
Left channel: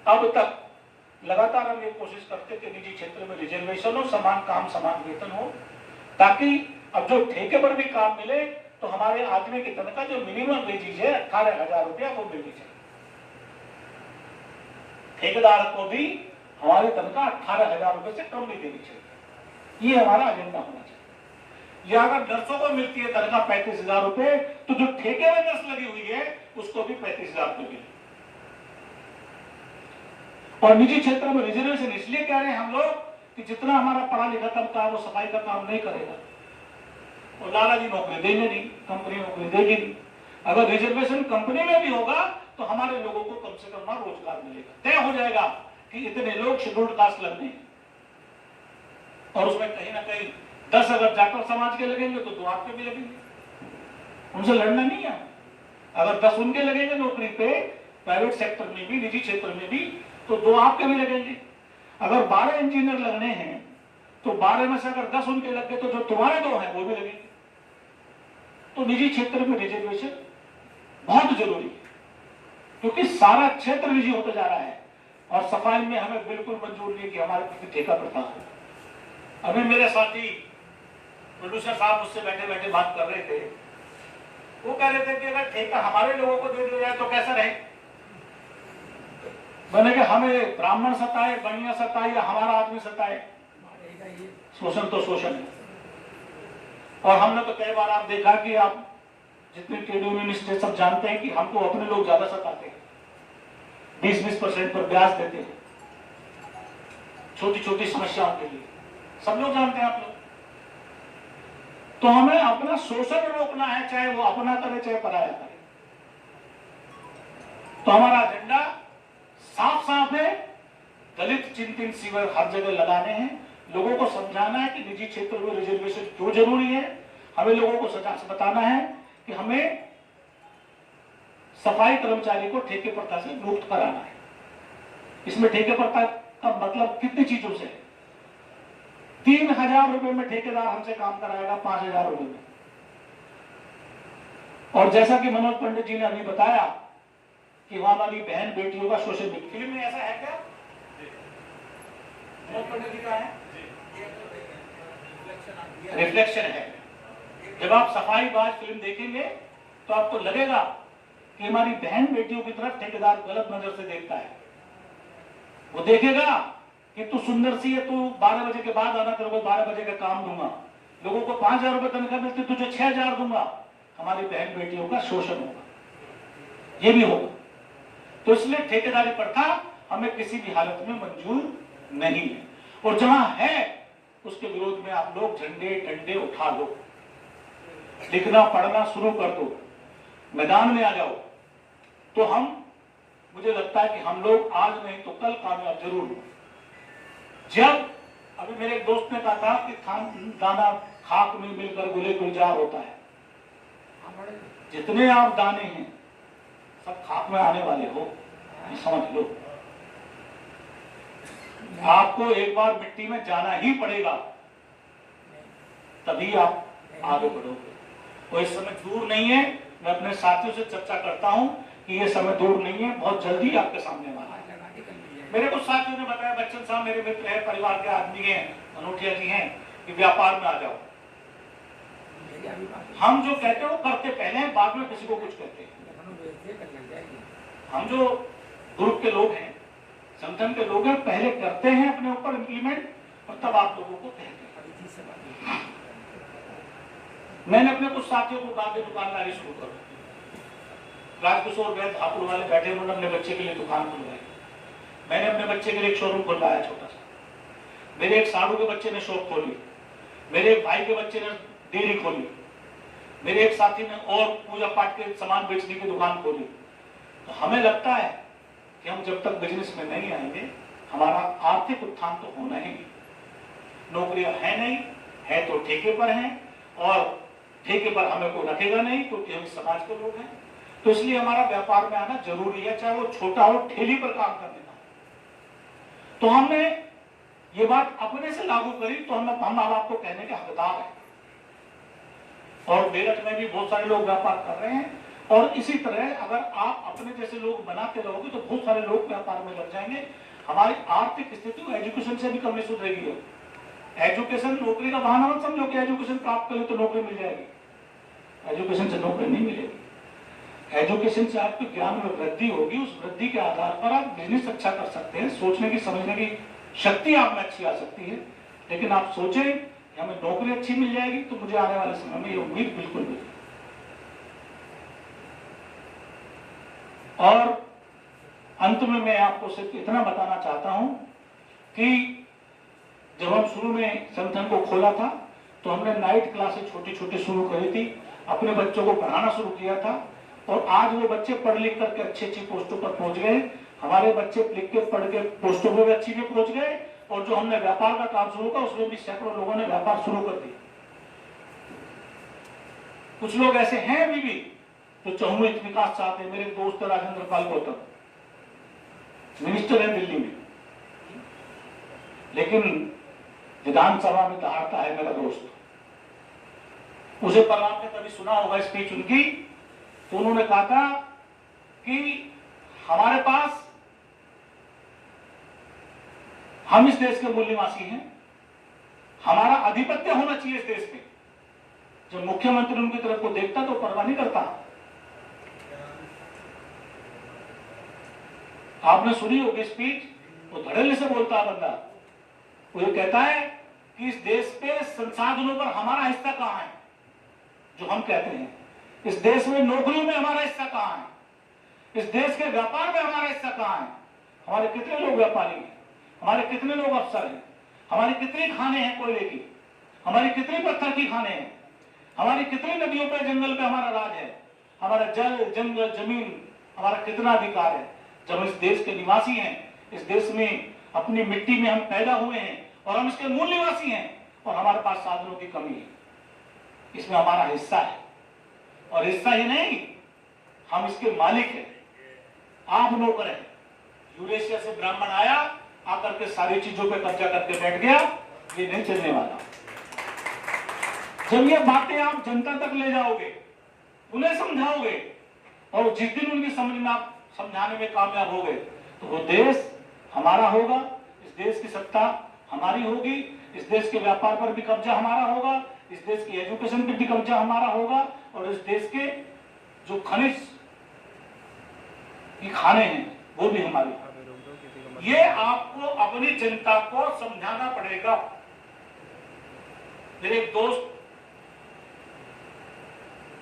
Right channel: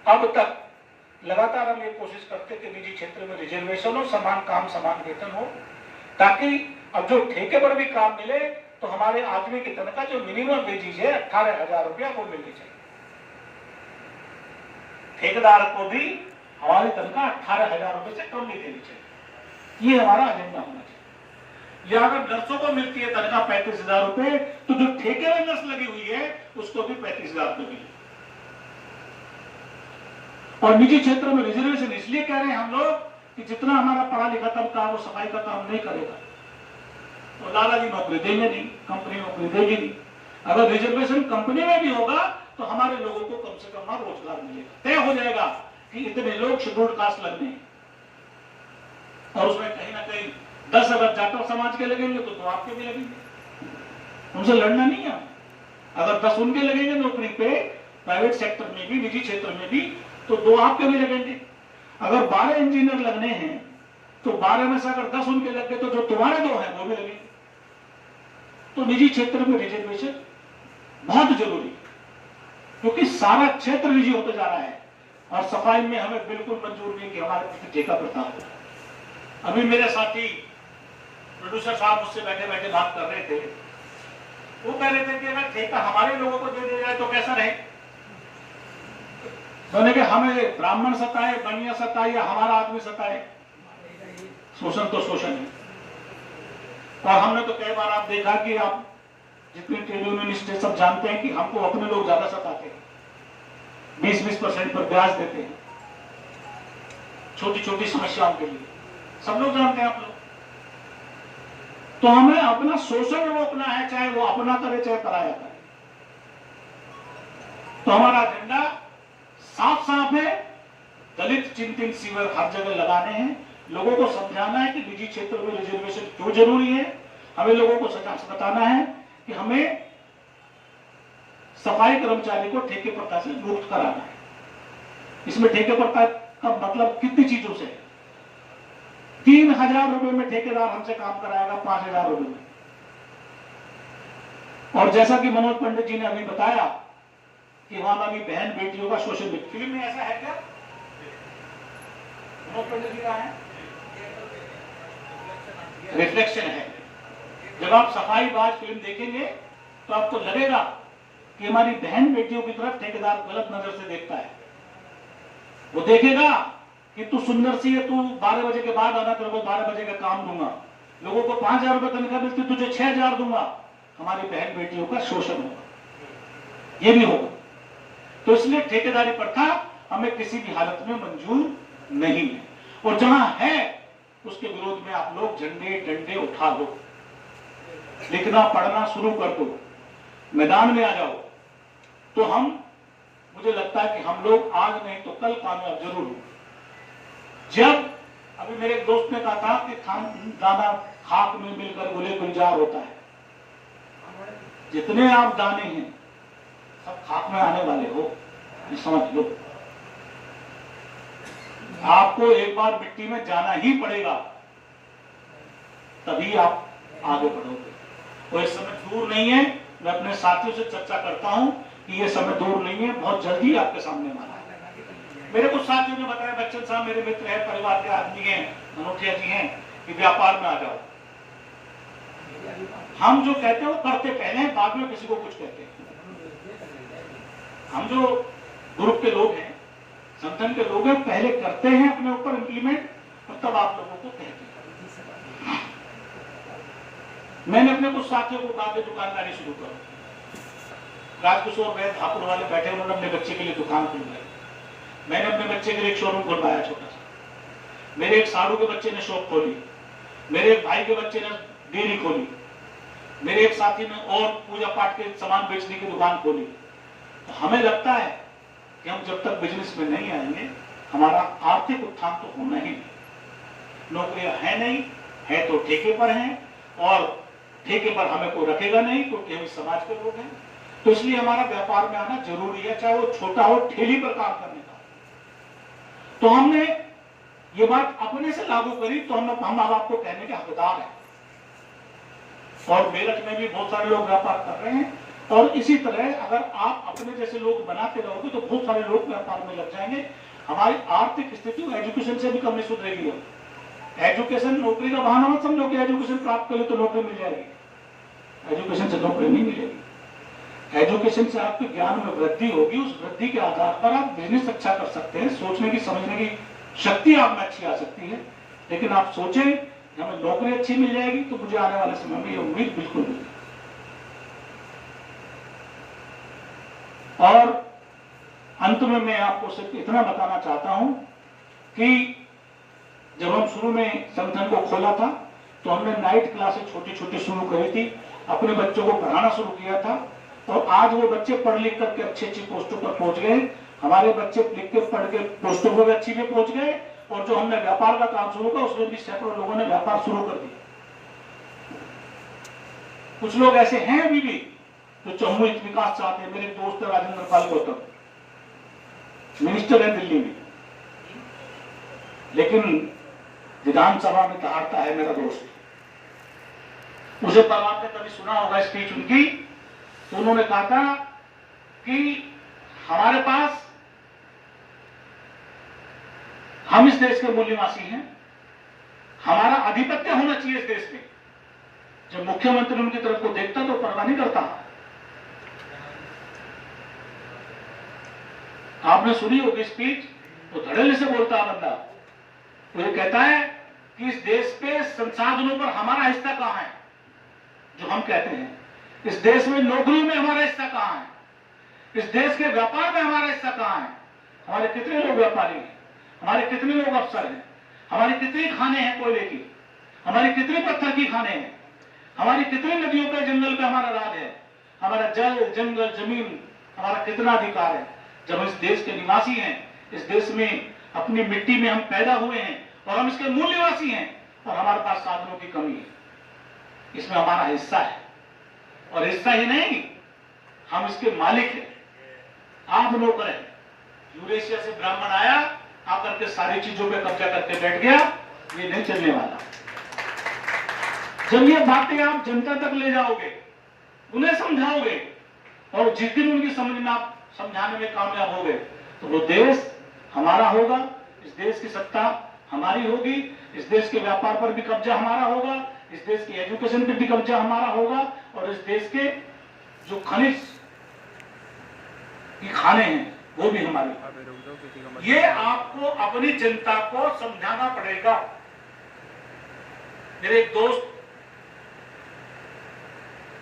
अब तक लगातार हम ये कोशिश करते कि निजी क्षेत्र में रिजर्वेशन हो, समान काम समान वेतन हो, ताकि अब जो ठेके पर भी काम मिले तो हमारे आदमी की तनख्वाह जो मिनिमम वेजेज है 18,000 रुपया वो मिलनी चाहिए। ठेकेदार को भी हमारी तनख्वाह 18,000 रुपए से कम नहीं देनी चाहिए, ये हमारा एजेंडा होना चाहिए। या अगर नर्सों को मिलती है तनख्वाह 35,000 रुपए, तो जो ठेके में नर्स लगी हुई है उसको भी 35,000 रुपए मिले। और निजी क्षेत्र में रिजर्वेशन इसलिए कह रहे हैं हम लोग कि जितना हमारा पढ़ा लिखा तबका वो सफाई का काम नहीं करेगा, और लाला जी नौकरी देंगे नहीं, कंपनी नौकरी देगी नहीं। अगर रिजर्वेशन कंपनी में भी होगा तो हमारे लोगों को कम से कम वहां रोजगार मिलेगा, तय हो जाएगा कि इतने लोग शेड्यूल्ड कास्ट लगने हैं, और उसमें कहीं ना कहीं 10 अगर जाटव समाज के लगेंगे तो 2 आपके भी लगेंगे, उनसे लड़ना नहीं है। अगर 10 उनके लगेंगे नौकरी पे प्राइवेट सेक्टर में भी, निजी क्षेत्र में भी, तो 2 आपके भी लगेंगे। अगर 12 इंजीनियर लगने हैं तो 12 में से अगर 10 उनके लग गए तो जो तुम्हारे 2 हैं वो भी लगेंगे। तो निजी क्षेत्र में रिजर्वेशन बहुत जरूरी है, क्योंकि सारा क्षेत्र निजी होता जा रहा है, और सफाई में हमें बिल्कुल मंजूर नहीं कि हमारे पास ठेका प्रथा हो। अभी मेरे साथी प्रोड्यूसर साहब मुझसे बैठे बैठे बात कर रहे थे, वो कह रहे थे कि अगर ठेका हमारे लोगों को दे दिया जाए तो कैसा रहे। मैंने कि हमें ब्राह्मण सताए, बनिया सताए या हमारा आदमी सताए, शोषण तो शोषण है। और हमने तो कई बार आप देखा कि आप जितने ट्रेड यूनियनिस्ट सब जानते हैं कि हमको अपने लोग ज्यादा सताते हैं, 20-20% पर ब्याज देते हैं छोटी छोटी समस्याओं के लिए, सब लोग जानते हैं आप लोग। तो हमें अपना शोषण रोकना है, चाहे वो अपना करे चाहे पराया करे। तो हमारा एजेंडा साफ साफ है, दलित चिंतन शिविर हर जगह लगाने हैं, लोगों को समझाना है कि निजी क्षेत्र में रिजर्वेशन क्यों जरूरी है। हमें लोगों को बताना है कि हमें सफाई कर्मचारी को ठेके प्रथा से मुक्त कराना है। इसमें ठेके प्रथा का मतलब कितनी चीजों से, 3,000 रुपए में ठेकेदार हमसे काम कराएगा 5,000 रुपए में। और जैसा कि मनोज पंडित जी ने अभी बताया कि वहां वाली बहन बेटियों का शोषण, फिल्म में ऐसा है क्या? मनोज पंडित जी का है, रिफ्लेक्शन है। जब आप सफाई बाज फिल्म देखेंगे तो आपको लगेगा कि हमारी बहन बेटियों की तरफ ठेकेदार गलत नजर से देखता है। वो देखेगा कि तू सुंदर सी है, तू 12 बजे के बाद आना, तेरे को 12 बजे का काम दूंगा, लोगों को 5,000 रुपए तनख्वाह मिलती, तुझे 6,000 दूंगा। हमारी बहन बेटियों का शोषण होगा, ये भी होगा। तो इसलिए ठेकेदारी प्रथा हमें किसी भी हालत में मंजूर नहीं है, और जहां है उसके विरोध में आप लोग झंडे डंडे उठा दो, लिखना पढ़ना शुरू कर दो, मैदान में आ जाओ। तो मुझे लगता है कि हम लोग आज नहीं तो कल कामयाब जरूर हो। जब अभी मेरे एक दोस्त ने कहा था कि दाना खाक में मिलकर गुले गुलजार होता है, जितने आप दाने हैं सब खाक में आने वाले हो, ये समझ लो। आपको एक बार मिट्टी में जाना ही पड़ेगा, तभी आप आगे बढ़ोगे। और इस समय दूर नहीं है, मैं अपने साथियों से चर्चा करता हूं कि ये समय दूर नहीं है, बहुत जल्दी आपके सामने वाला है। मेरे कुछ साथियों ने बताया, बच्चन साहब मेरे मित्र हैं, परिवार के आदमी हैं, अनोठिया जी हैं, कि व्यापार में आ जाओ। हम जो कहते हैं वो करते पहले हैं, बाद में किसी को कुछ कहते हैं। हम जो ग्रुप के लोग हैं, संगठन के लोग हैं, पहले करते हैं अपने ऊपर इम्प्लीमेंट, और तब आप लोगों को कहते हैं। मैंने अपने कुछ साथियों को कहा कि दुकानदारी शुरू करो। राजकिशोर वैद हापुड़ वाले बैठे, उन्होंने अपने बच्चे के लिए दुकान खुलवाई। मैंने अपने बच्चे के लिए एक शोरूम खुलवाया छोटा सा। मेरे एक साधु के बच्चे ने शॉप खोली, मेरे एक भाई के बच्चे ने डेयरी खोली, मेरे एक साथी ने और पूजा पाठ के सामान बेचने की दुकान खोली। तो हमें लगता है कि हम जब तक बिजनेस में नहीं आएंगे, हमारा आर्थिक उत्थान तो होना ही नहीं। नौकरियां है नहीं, है तो ठेके पर हैं, और ठेके पर हमें कोई रखेगा नहीं, क्योंकि हम समाज के लोग हैं। तो इसलिए हमारा व्यापार में आना जरूरी है, चाहे वो छोटा हो, ठेली पर काम करने का। तो हमने ये बात अपने से लागू करी, तो हम अब आपको कहने के हकदार हैं। और मेरठ में भी बहुत सारे लोग व्यापार कर रहे हैं, और इसी तरह अगर आप अपने जैसे लोग बनाते रहोगे तो बहुत सारे लोग व्यापार में लग जाएंगे। हमारी आर्थिक स्थिति एजुकेशन से भी कम नहीं सुधरेगी। एजुकेशन नौकरी का बहाना मत समझो कि एजुकेशन प्राप्त करें तो नौकरी मिल जाएगी। एजुकेशन से नौकरी नहीं मिलेगी। एजुकेशन से आपके ज्ञान में वृद्धि होगी, उस वृद्धि के आधार पर आप बिजनेस अच्छा कर सकते हैं, सोचने की समझने की शक्ति आप में अच्छी आ सकती है। लेकिन आप सोचें कि हमें नौकरी अच्छी मिल जाएगी तो मुझे आने वाले समय में ये उम्मीद बिल्कुल नहीं। और अंत में मैं आपको सिर्फ इतना बताना चाहता हूं कि जब हम शुरू में संगठन को खोला था तो हमने नाइट क्लासेस छोटी छोटी शुरू करी थी, अपने बच्चों को पढ़ाना शुरू किया था, और आज वो बच्चे पढ़ लिख करके अच्छी अच्छी पोस्टों पर पहुंच गए। हमारे बच्चे लिख के पढ़ के पोस्टों पर भी अच्छी भी पहुंच गए, और जो हमने व्यापार का काम शुरू किया उसमें भी सैकड़ों लोगों ने व्यापार शुरू कर दिया। कुछ लोग ऐसे हैं अभी भी जो चहुमुखी विकास चाहते हैं। मेरे दोस्त राजेंद्र पाल गौतम मिनिस्टर है दिल्ली में, लेकिन विधानसभा में दहाड़ता है मेरा दोस्त। उसे पर आपने कभी सुना होगा स्पीच उनकी, तो उन्होंने कहा था कि हमारे पास, हम इस देश के मूल्यवासी हैं, हमारा आधिपत्य होना चाहिए इस देश में। जब मुख्यमंत्री उनकी तरफ को देखता तो परवाह नहीं करता। आपने सुनी होगी स्पीच, तो धड़ल्ले से बोलता है बंदा। वो ये कहता है कि इस देश के संसाधनों पर हमारा हिस्सा कहां है, जो हम कहते हैं। इस देश में नौकरियों में हमारा हिस्सा कहां है, इस देश के व्यापार में हमारा हिस्सा कहां है। हमारे कितने लोग व्यापारी हैं, हमारे कितने लोग अफसर हैं, हमारी कितनी खाने हैं कोयले की, हमारी कितनी पत्थर की खाने हैं, हमारी कितनी नदियों पे जंगल पे हमारा राज है, हमारा जल जंगल जमीन हमारा कितना अधिकार है। जब हम इस देश के निवासी हैं, इस देश में अपनी मिट्टी में हम पैदा हुए हैं और हम इसके मूल्यवासी हैं, और हमारे पास साधनों की कमी है, इसमें हमारा हिस्सा है। और हिस्सा ही नहीं, हम इसके मालिक हैं, आप नौकर हैं। यूरेशिया से ब्राह्मण आया, आकर के सारी चीजों पे कब्जा करके बैठ गया, ये नहीं चलने वाला। जब ये बातें आप जनता तक ले जाओगे, उन्हें समझाओगे, और जिस दिन उनकी समझ में आप समझाने में कामयाब हो गए, तो वो देश हमारा होगा, इस देश की सत्ता हमारी होगी, इस देश के व्यापार पर भी कब्जा हमारा होगा, इस देश की एजुकेशन पर भी कब्जा हमारा होगा, और इस देश के जो खनिज की खाने हैं वो भी हमारे। ये आपको अपनी जनता को समझाना पड़ेगा। मेरे एक दोस्त,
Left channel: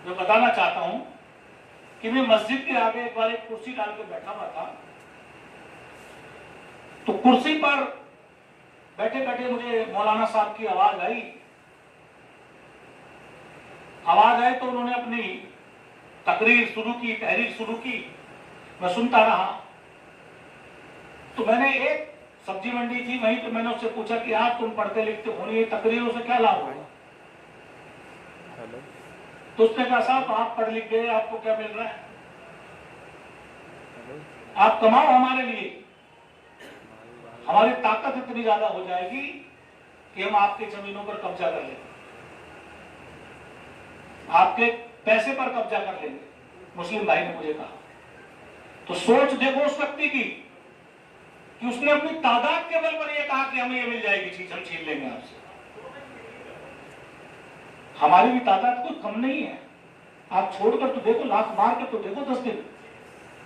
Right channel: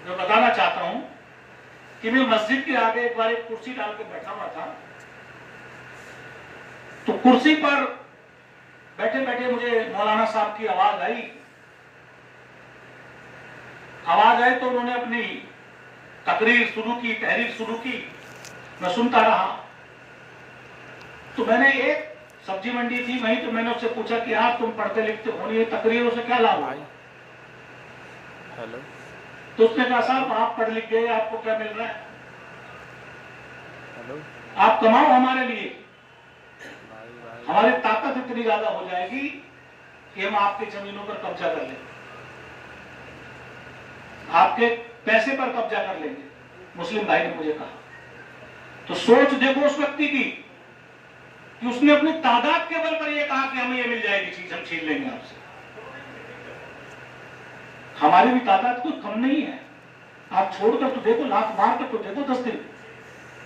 मैं बताना चाहता हूं कि मैं मस्जिद के आगे एक बार एक कुर्सी डाल के बैठा हुआ था, तो कुर्सी पर बैठे बैठे मुझे मौलाना साहब की आवाज आई। तो उन्होंने अपनी तकरीर शुरू की, तहरीर शुरू की, मैं सुनता रहा। तो मैंने, एक सब्जी मंडी थी वहीं, तो मैंने उससे पूछा कि आप तुम पढ़ते लिखते हो, ये तकरीरों से क्या लाभ है? हेलो। तो उसने कहा साहब आप पढ़ लिख गए, आपको क्या मिल रहा है? हेलो। आप कमाओ हमारे लिए, हमारी ताकत इतनी ज्यादा हो जाएगी कि हम आपके जमीनों पर कब्जा कर लेंगे, आपके पैसे पर कब्जा कर लेंगे। मुस्लिम भाई ने मुझे कहा। तो सोच देखो उस व्यक्ति की कि उसने अपनी तादाद के बल पर यह कहा कि हमें ये मिल जाएगी चीज, हम छीन लेंगे आपसे। हमारी भी तादाद कोई कम नहीं है। आप छोड़कर तो देखो, लात मार कर तो देखो 10 दिन,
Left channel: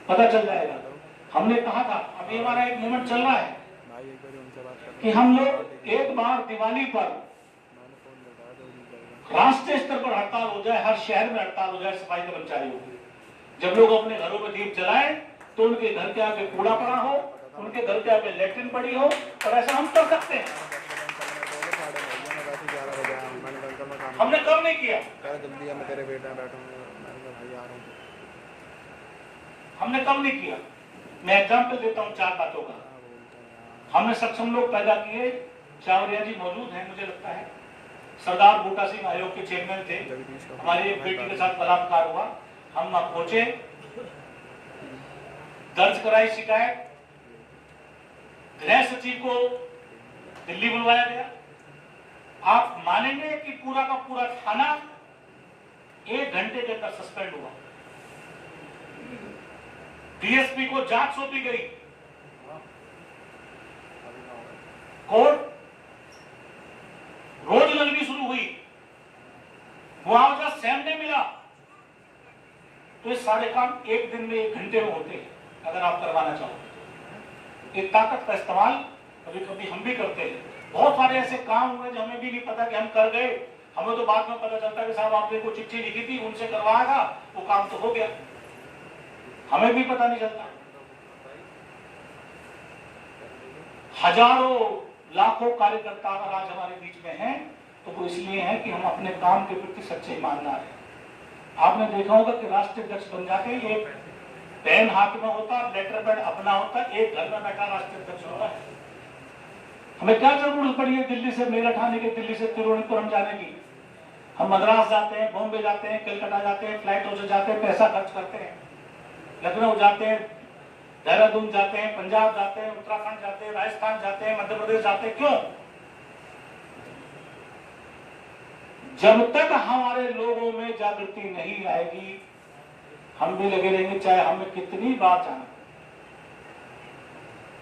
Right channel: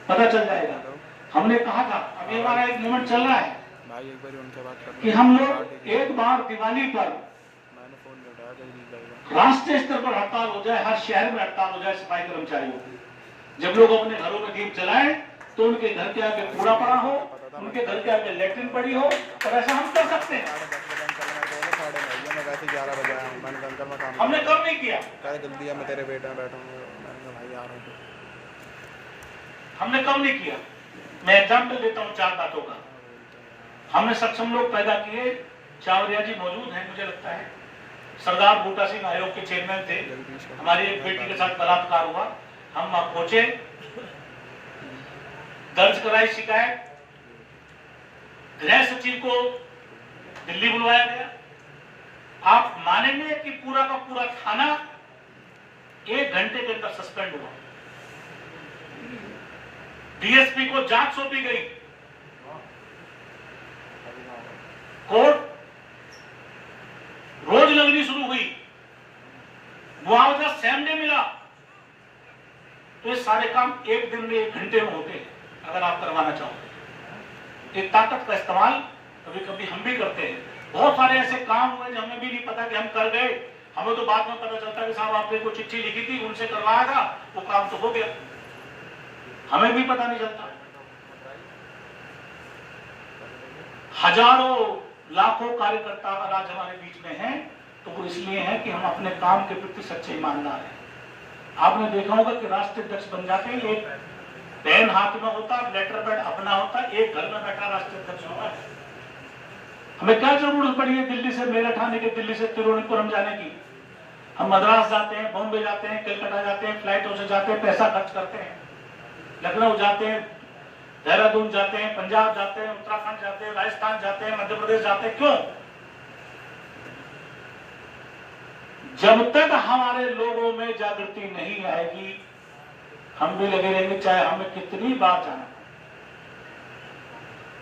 पता चल जाएगा। हमने कहा था, अभी हमारा एक मूवमेंट चल रहा है भाई, एक बार उनसे बात करना कि हम लोग एक बार दिवाली पर राष्ट्रीय स्तर पर हड़ताल हो जाए, हर शहर में हड़ताल हो जाए सफाई कर्मचारियों की। जब लोग अपने घरों में दीप जलाएं तो उनके घर के आगे कूड़ा पड़ा हो, उनके घर के आगे लेटरिन पड़ी हो, और ऐसा हम कर सकते हैं। हमने कब नहीं किया, जल्दी मैं तेरे बेटा बैठूंगा, मैंने भाई आ रहा हूं। हमने कब नहीं किया। मैं एग्जाम्पल देता हूँ 4 बातों का। हमने सक्षम लोग पैदा किए, चावरिया जी मौजूद हैं मुझे लगता है, सरदार बूटा सिंह आयोग के चेयरमैन थे, हमारी एक बेटी के साथ बलात्कार हुआ, हम पहुंचे, दर्ज कराई शिकायत, गृह सचिव को दिल्ली बुलवाया गया। आप मानेंगे कि पूरा का पूरा थाना 1 घंटे के अंदर सस्पेंड हुआ। डीएसपी को जांच सौंपी गई, कोर्ट रोज लगनी शुरू हुई, मुआवजा सेम डे मिला, तो ये सारे काम एक दिन में 1 घंटे में होते हैं अगर आप करवाना चाहो। एक ताकत का इस्तेमाल कभी कभी हम भी करते हैं। बहुत सारे ऐसे काम हुए जो हमें भी नहीं पता कि हम कर गए, हमें तो बाद में पता चलता है कि साहब आपने कोई चिट्ठी लिखी थी, उनसे करवाया था, वो काम तो हो गया, हमें भी पता नहीं चलता। हजारों लाखों कार्यकर्ता अगर आज हमारे बीच में हैं तो वो इसलिए है कि हम अपने काम के प्रति सच्चे ईमानदार हैं। आपने देखा होगा कि राष्ट्रीय अध्यक्ष बन जाते हैं, एक पेन हाथ में होता, लेटर पैड अपना होता, एक घर में बैठा राष्ट्रीय अध्यक्ष होता है। हमें क्या जरूरत पड़ी है दिल्ली से मेरठ आने की, दिल्ली से तिरुवनंतपुरम जाने की? हम मद्रास जाते हैं, बॉम्बे जाते हैं, कलकत्ता जाते हैं, फ्लाइटों से जाते हैं, पैसा खर्च करते हैं, लखनऊ जाते हैं, देहरादून जाते हैं, पंजाब जाते हैं, उत्तराखंड जाते हैं, राजस्थान जाते हैं, मध्य प्रदेश जाते हैं। क्यों? जब तक हमारे लोगों में जागृति नहीं आएगी हम भी लगे रहेंगे, चाहे हमें कितनी बार जाना।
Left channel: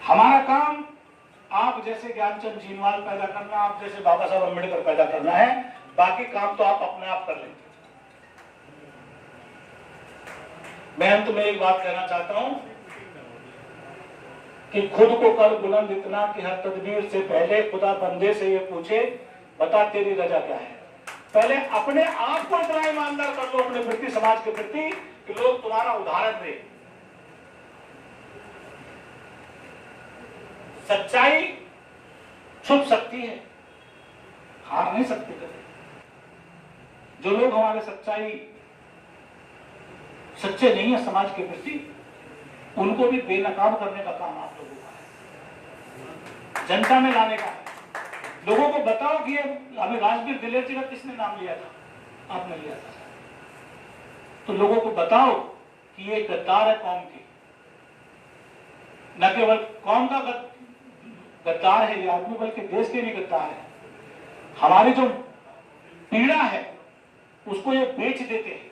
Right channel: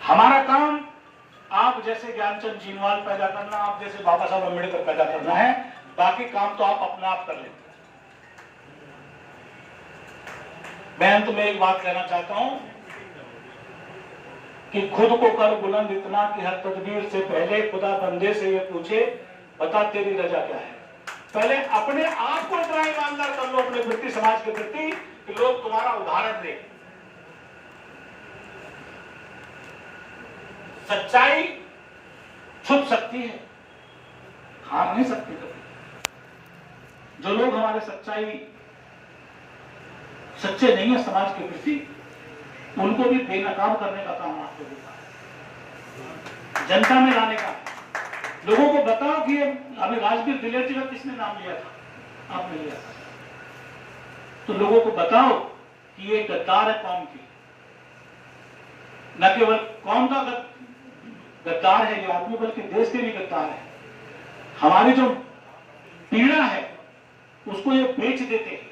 हमारा काम आप जैसे ज्ञानचंद जीनवाल पैदा करना, आप जैसे बाबा साहब अम्बेडकर पैदा करना है, बाकी काम तो आप अपने आप कर लेंगे। मैं अंत में एक बात कहना चाहता हूं कि खुद को कर बुलंद इतना कि हर तदबीर से पहले खुदा बंदे से ये पूछे, बता तेरी रजा क्या है। पहले अपने आप को इतना ईमानदार कर लो अपने प्रति, समाज के प्रति, कि लोग तुम्हारा उदाहरण दें। सच्चाई छुप सकती है, हार नहीं सकती कभी। जो लोग हमारे सच्चे नहीं है समाज के प्रति, उनको भी बेनकाब करने का काम आप लोगों का है, जनता में लाने का है। लोगों को बताओ कि अभी राजवीर दिलेर जी का किसने नाम लिया था? आपने लिया था। तो लोगों को बताओ कि ये गद्दार है कौम की, न केवल कौम का गद्दार है ये आदमी, बल्कि देश के लिए गद्दार है। हमारी जो पीड़ा है उसको ये बेच देते हैं,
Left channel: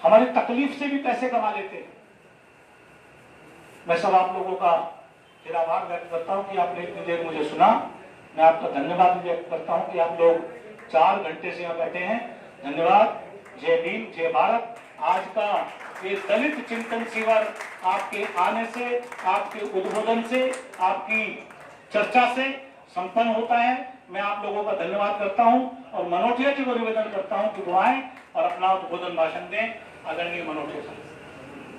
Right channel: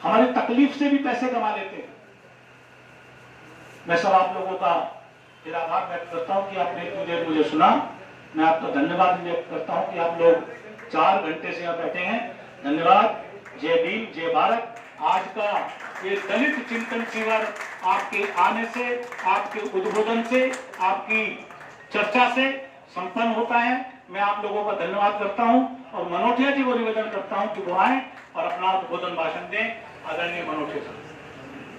हमारी तकलीफ से भी पैसे कमा लेते हैं। मैं सब आप लोगों का फिर आभार व्यक्त करता हूं कि आपने इतनी देर मुझे सुना। मैं आपका धन्यवाद व्यक्त करता हूं कि आप लोग 4 घंटे से यहाँ बैठे हैं। धन्यवाद। जय भीम, जय भारत। आज का ये दलित चिंतन शिविर आपके आने से, आपके उद्बोधन से, आपकी चर्चा से संपन्न होता है। मैं आप लोगों का धन्यवाद करता हूं और मनोठिया जी को निवेदन करता हूं कि वो आए और अपना उद्बोधन भाषण दें। आदरणीय मनोठिया।